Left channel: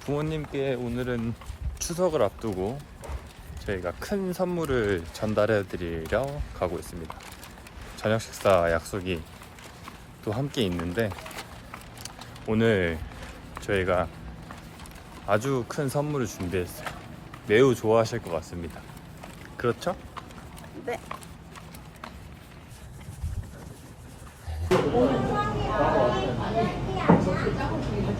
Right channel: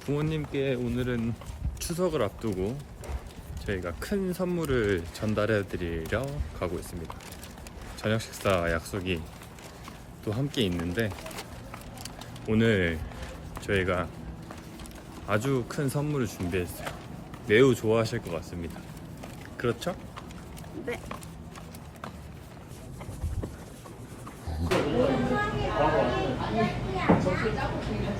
부모님께 오늘은 추석을 앞두고 저희가 큰 선물을 전달해 드리려 가고 있습니다. 저녁 식사 약속이 또 함께 있는데 오늘 저희가 아주 큰 선물을 준비했어요. 매우 좋아하실 것 같습니다. 그렇죠? 네.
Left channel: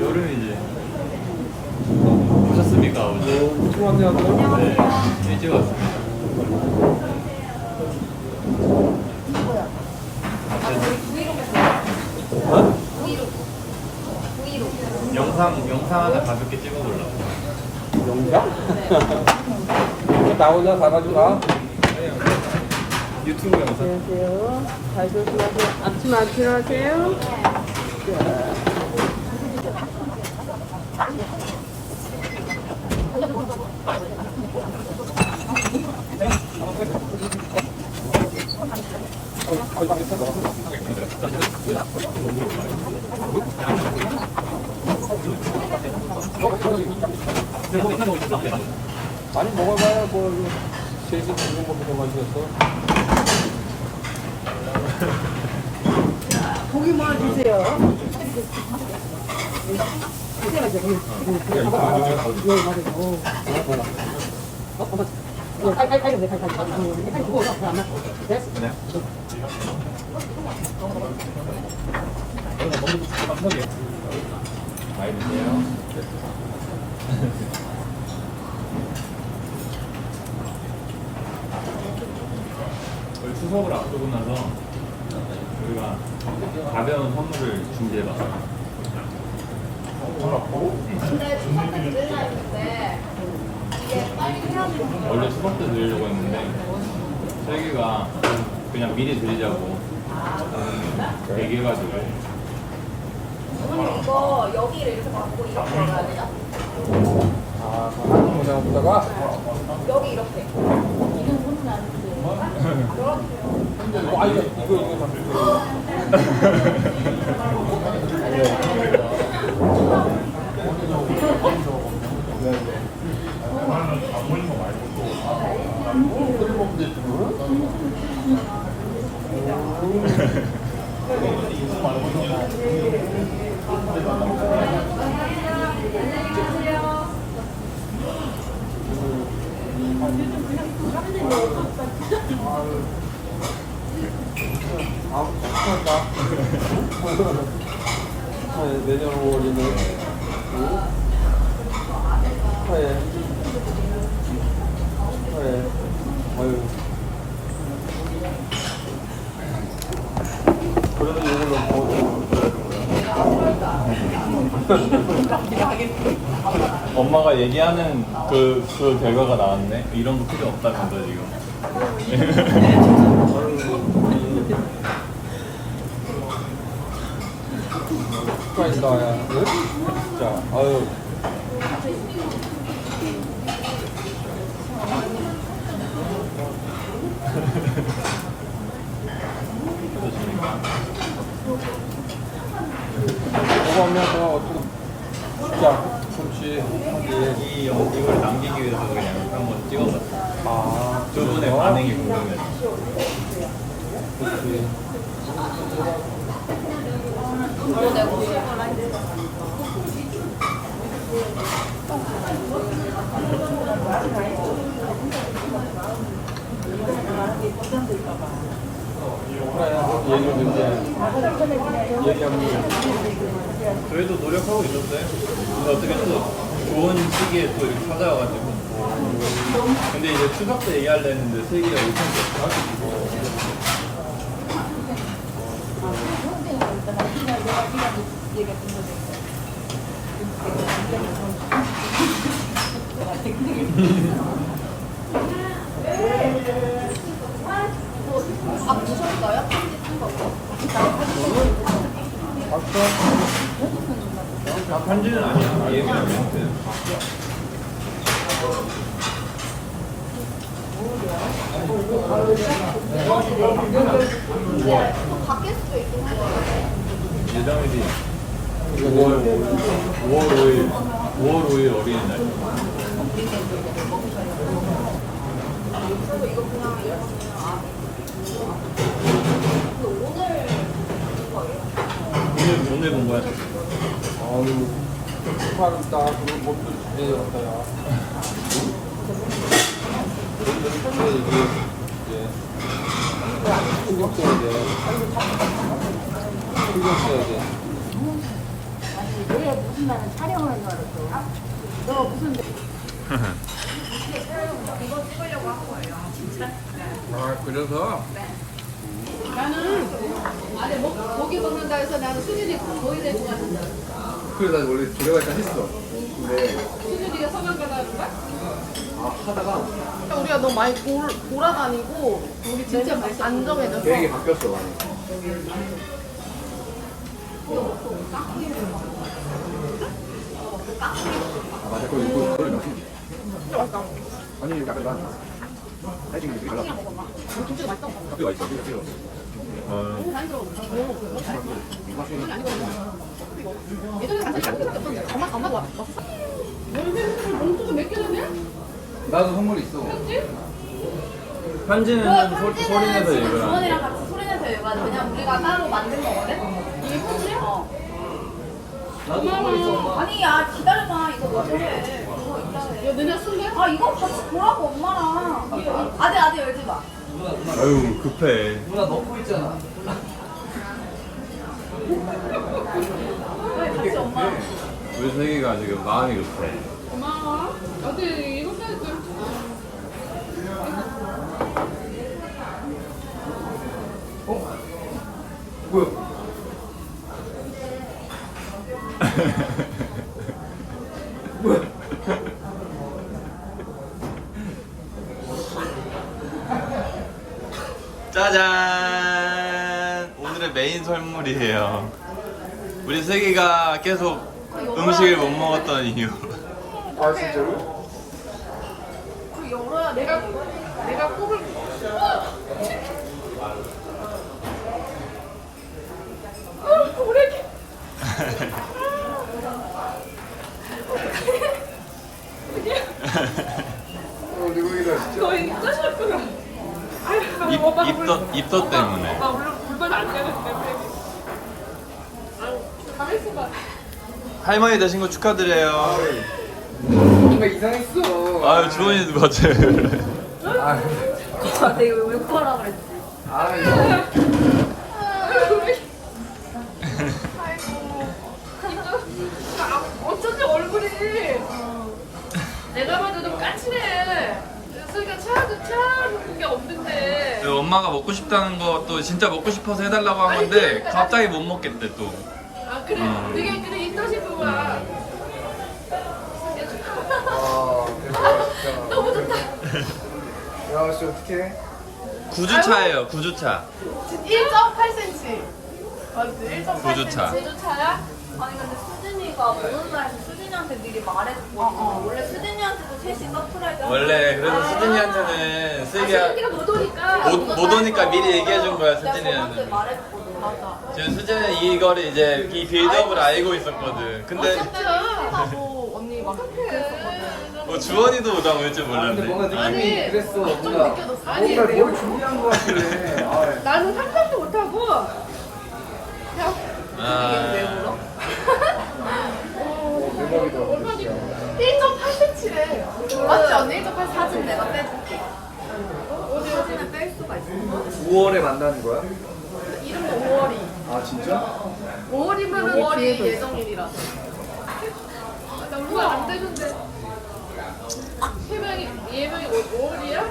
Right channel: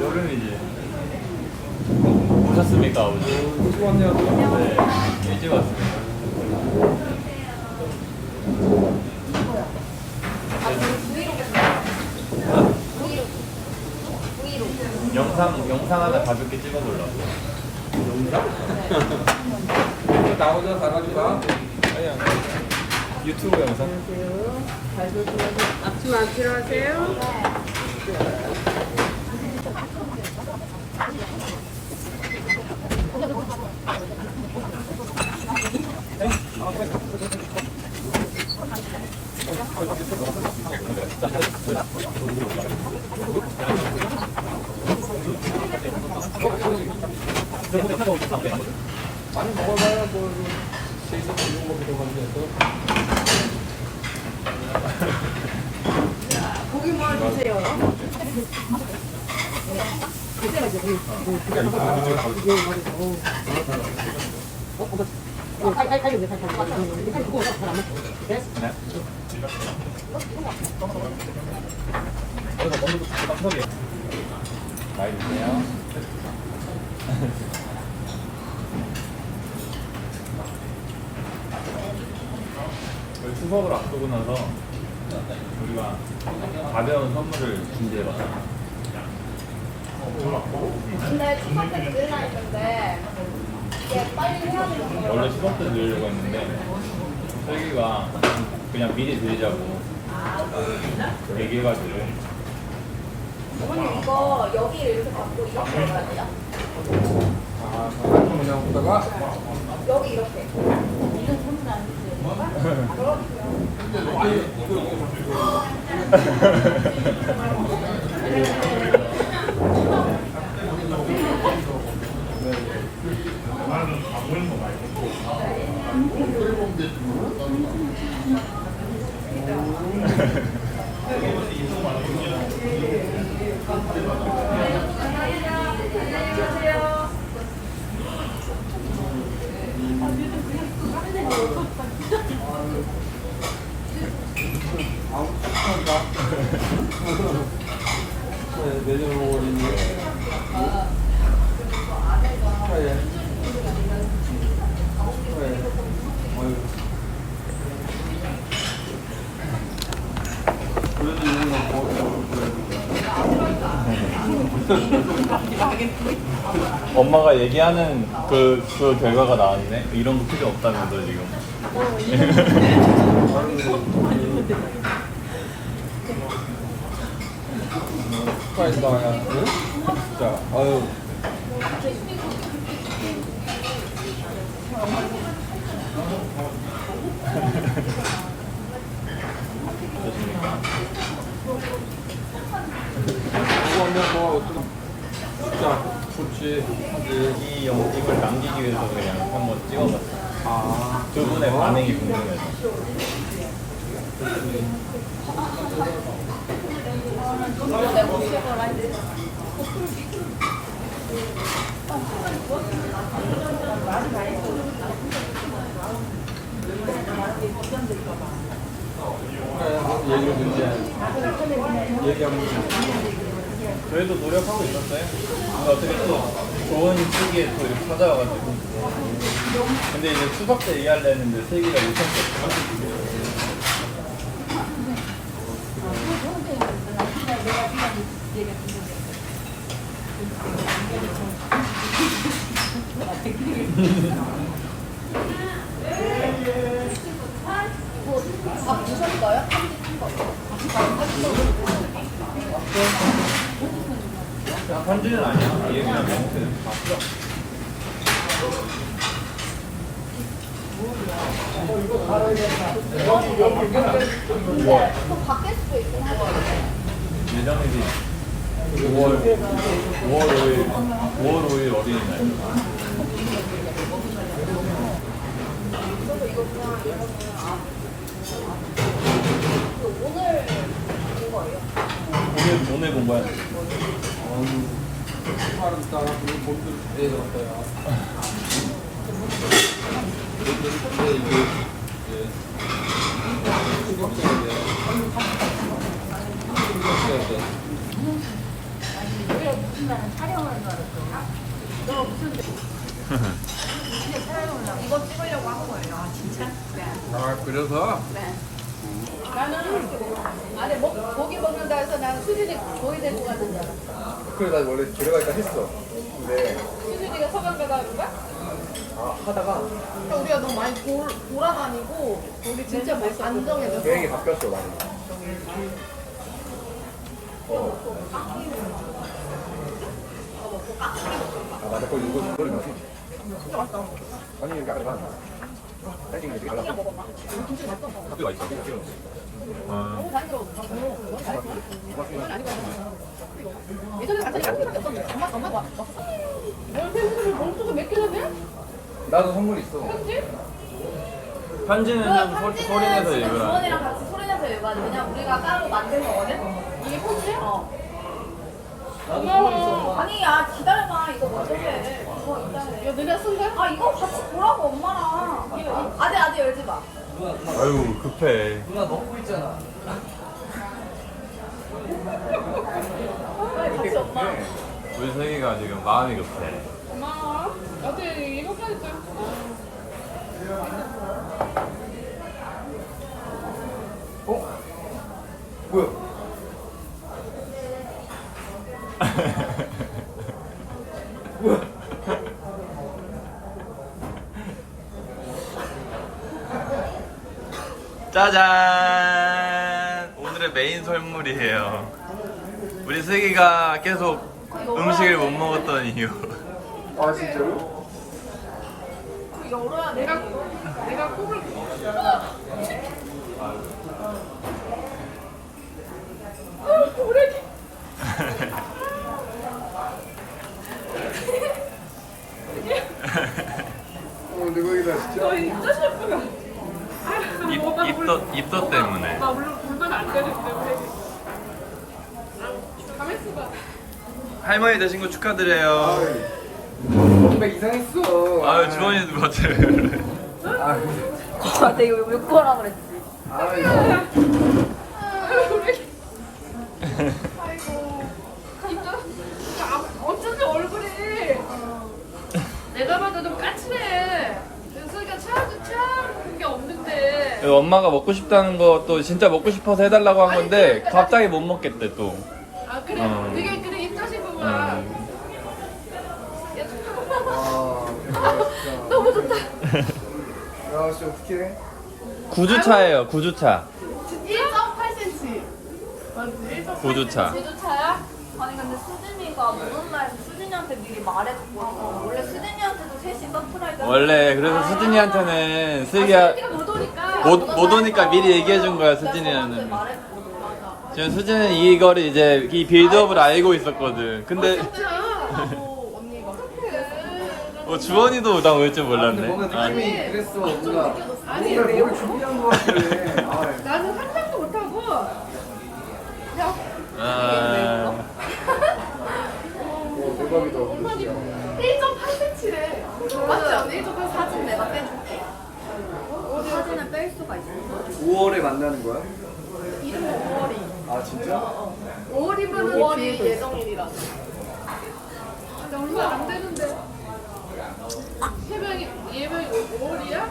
여름이지. 아버지? 네, 일찍 왔습니다. 어? 영상 영상 하나 가볍게 찍어보려고. 나오냐 사람이가 유튜브 영상. 아침 안 필요하세요? 많이 먹어봐야 뭐 세계 중국 먹기도 많이었어 고기만 주세요. 많이 추석을 앞두고 나서 우리가 가벼운 선물을 준비해봤어요. 원래 추석 때 드리려고 했는데 슬기가 그냥 미리 드리자고 얘기해가지고 이거 여기를 이렇게 받고 이렇게 열어야 돼요? 아 한국 문화 보다가 여기 이렇게. 아 이거 이거 이거 다 아, 축하한다. 축하해, 내년 5월이네. 축하해. 축하해. 어휴. 그래도 이걸로 어, 엄마가 얘기하는 그, 그 결과가 나왔네. 이런 거 필요 없다면서 지금. 축하한다, 야. 응? 자, 아유. 그거 하면서 어떤 자, 그렇지 하지. 이 영상을 남기기 위해서 그냥 한번 찍어봤어. 아, 두 분의 그래서? 반응이 궁금해서. 그렇지. 그래도 노력하고 있었어요. 어떻게 또 좋은 시기에 또 이렇게 찾아와가지고. 근데 이제 추석 때 얘기하려는데 세기가 5천 개. 아? 아, 편지는 아니야. 얘기랑 멘트. 또 바뀔 수도 있긴. 예정일이 5월 5월 5일 5월 5일 어린이날. 오늘. 오늘 공부할. 아유, 팔은 딱, 그리고 몸도 잘 들었다, 야. 근데 이게, 이게, 돼. 내 가 무슨 날은 촬영하는 줄 알았어요. 내가 무슨 이거 찍으려고 한 거예요. 아 진짜? 아, 그래서? 나는 안에 목, 고기 먹는다 해서 나는 수진이 조이 데리고 가는 줄 알았어. 그래 나 원래 데려갈까 했어. 근데 수진이가 서강 가다 그런가? 아 하다가 우리가 너무 많이 돌, 돌아다니고 우리 진짜 뭐 안정해졌어. 계획이 바뀌었어 많이. 아 맞아 그거 이거 그걸 몇 아니 약간 사이즈가 되게 달라. 진짜 맛있어. 커피가 있어. 커피가 필요. 너무 자연스러워. 오, 너무 잘했어. 그건 아니거든. 이거. 예전에 간장이 한 개밖에 없었는데 엄마 엄마가 왔어. 뭘 생각을 몽투도 몇 개는데? 나도 선물 있어. 그렇지? 편지는 소, 소리내서 하는 주원이랑 같이 소리내서 얘기하는 왜냐면 우리가 따로 만든 거거든? 이게 편지야? 어. 고마워. 아니 야 기다려봐 이거 해 이거 있다 야, 너네 쓴 거야? 아 이거 같이 보라고 엄마랑 이거 아들 아들 열지 마 아유 급해. 누나 넣고 있잖아. 이렇게 급해. 우리 세기가 지금 마음이 급해. 고마워. 어때 이거까지 또. 짜잔! 오늘의 메인 선물이에요. 우리 슬기가 계속 음식을 못 먹었던 이유. 아 진짜로? 내가 내가 꼽을 아. 어 대박이다 진짜. 너 진짜 슬프다. 입, 오빠 입덧, 입덧 때문에. 나 물론 불만 안 되는 때문에. 아유, 가만 있어봐. 할머니 되신 거 축하드려요. 뭔가 이상했어. 아유, 주원이도 맞아요. 아, 근데 이거 못 거라 그랬지 아, 이거. 엄마가 먹고 싶다는 거또 진짜 먹고 싶어서 해달라고 한 건데 갑자기 못 먹겠대 또. 아 그래 음. 되게 그래 입덧인 거구나 음. 아, 너무 좋다 야, 씨, 어떡해. 9주차예요, 9주차. 1.8cm 맞지? 1.8cm 구주차. 제주차야? 아니 근데 수진이가 오는 날 수진이한테 미리 말했고 원래 수진이한테도 셋이 서프라이즈 원래 그래서 수진이한테는 슬기가 수진이가 못 오니까 못, 못 오니까 미리 얘기해 준 거야, 수진이는. 말했고 맞아. 지금 수진은 이거를 이제 이 빌드업을 알고 있었거든. 근데 나도 언니 막 어, 주원이도 나 올 줄 근데 몰랐네. 뭔가 아, 느낌이 그랬어, 뭔가. 아니, 뭔가 뭘 준비한 것 같길래. 아, 나는 상상도 못하고. 야. 아, 대박이다. 1.8cm래 맞지 언니? 1.8 사진 내가 빼줄게 어디 사진을 뺄 수가 있어 5월에 만나는 거야? 이름 5월이 아, 진짜? 5월이면 5월이 예정일이라. 아, 나 얼마 안 되는데. 세명이 예명이 5월이야?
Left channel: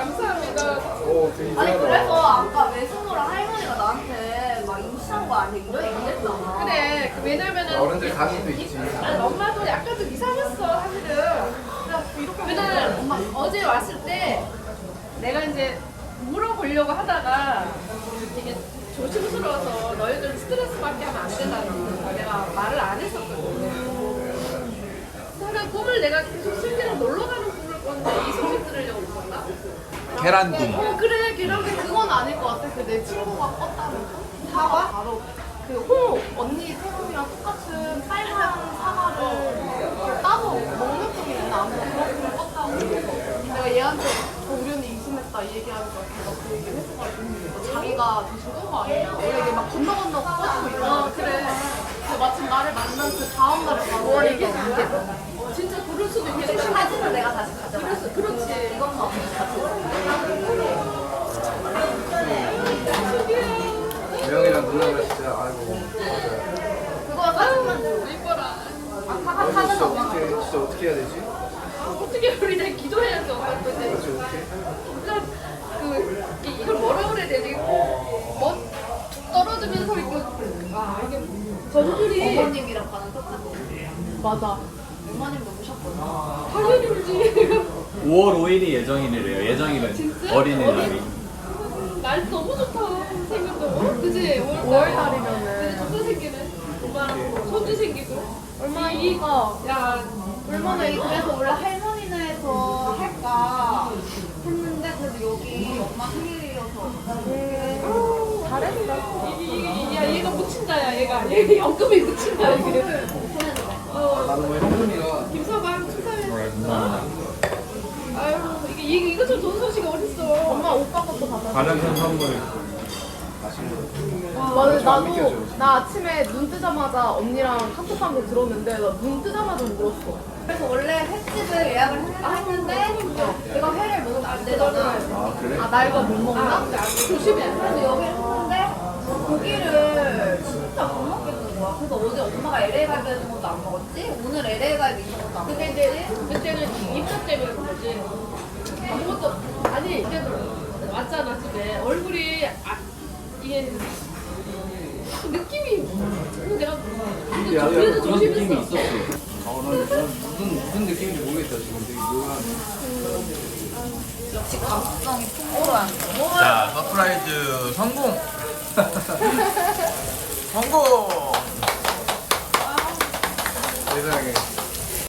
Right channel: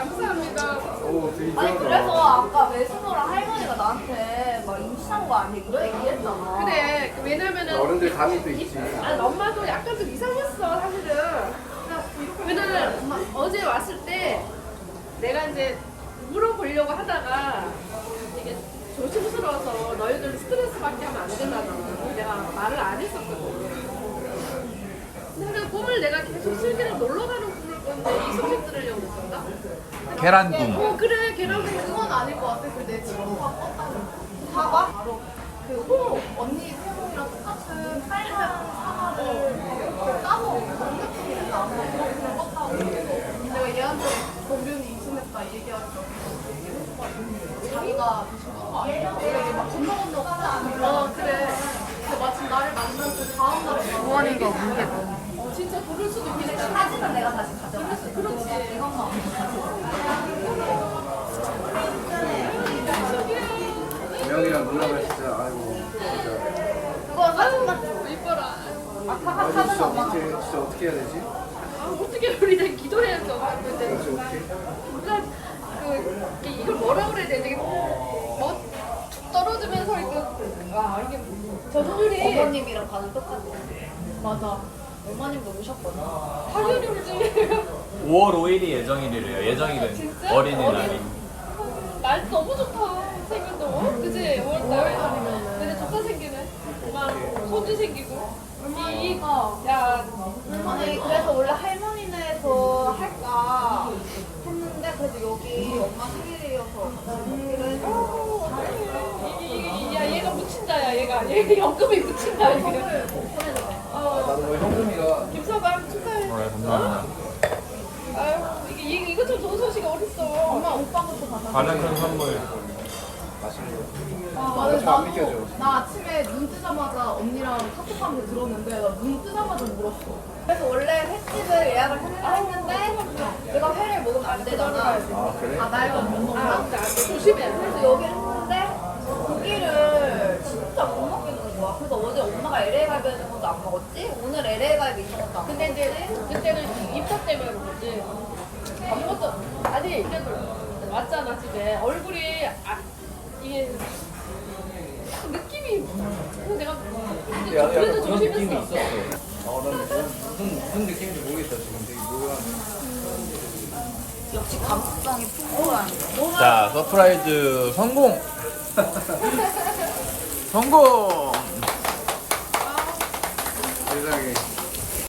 감사합니다. 오, 되게 아니 그래서 이상하다. 아까 외숙모랑 할머니가 나한테 막 임신한 거 아니야 이런 얘기했잖아 그래 왜냐면은 어른들 감이 또 있지. 아니 엄마도 약간 좀 이상했어 사실은. 왜냐면 엄마 어제 왔을 때 내가 이제 물어보려고 하다가 되게 조심스러워서 너희들 스트레스받게 하면 안 되잖아. 내가 말을 안 했었거든. 하는 꿈을 내가 계속 슬기랑 놀러 가는 꿨는데 이 소식 들으려고 그랬었나? 계란꿈. 어 그래 걔랑이 그건 아닐 것 같아. 그 내 친구가 껐다는 사과? 바로 그 호 언니 태영이랑 똑같은 빨간 사과를 이렇게 따서 먹는 중이래 나한테 그렇게 껐다고. 내가 얘한테 동균이 임신했다 이 얘기하니까 걔가 그 얘기를 해줘가지고 자기가 더 죽은 거 아니야? 원래 이게 막 건너 건너 꽂고 이러. 어 그래. 그 마침 나를 만난 그 다음 날에 바로 얘기했는데 어 진짜 그럴 수도 있겠다. 사진을 내가 다시 돼. 그렇지. 이것만 명이랑 누나가 진짜 아이고 진짜. 그거 사진만 이뻐라. 아 진짜 어떻게 진짜 어떻게 해야 되지? 아 어떻게 우리 내 기도해야지 엄마 볼 때. 진짜 어떻게? 진짜 그 이- 이걸 뭐라 그래야 되지? 뭐툭 떨어지면서 이렇게 아 이게 전율이 어머님이랑 가는 똑같아. 맞아. 어머님도 오셨거든. 당연히 울지. 5월 5일이 예정일이래요. 예정일은 진짜? 어린이날이. 날 너무 좋다. 생겼죠? 어? 그지? 5월달이면은. 그지? 좋다 생기네. 엄마 손주 생기고. 얼마 이 어. 야 얼마나 이 그래서 원래 할머니네에서 할까 했는데 그래도 여기 엄마 생일이어서 어, 잘했어. 이게, 이게, 야, 얘가 묻힌다, 야, 얘가. 얘 연금이 묻힌다, 이게. 어, 나도 김서방 축하해. 네, 감사합니다. 아유, 이게, 이것처럼 좋은 소식이 어딨어. 엄마, 오빠 것도 받아. 반응도 한번. 맞아, 좀안 믿겨져. 나 아침에 눈 뜨자마자 언니랑 카톡하면서 들었는데, 나 눈 뜨자마자 울었어. 그래서 원래 횟집을 예약을 했는데 내가 회를 먹으면 안 되잖아 아 그래? 아, 나 이거 못 먹나? 조심해. 그래서 여기 했는데 고기를 진짜 못 먹겠는 거야 그래서 어제 엄마가 LA 갈비 있는 것도 안 먹었지? 오늘 LA 갈비 있는 것도 안 근데 먹었지? 이제 그때는 입사 때문에 그런 거지. 아무것도 아니 그래도 왔잖아 집에 얼굴이 아, 이게 딱 느낌이 어, 내가 이제 약간 조리도 그런 느낌이 조심했어. 있었어. 아, 난 무슨, 무슨, 무슨 느낌인지 모르겠다, 지금 되게 묘한. 감수성이 풍부한 자, 서프라이즈 성공! 성공! 세상에.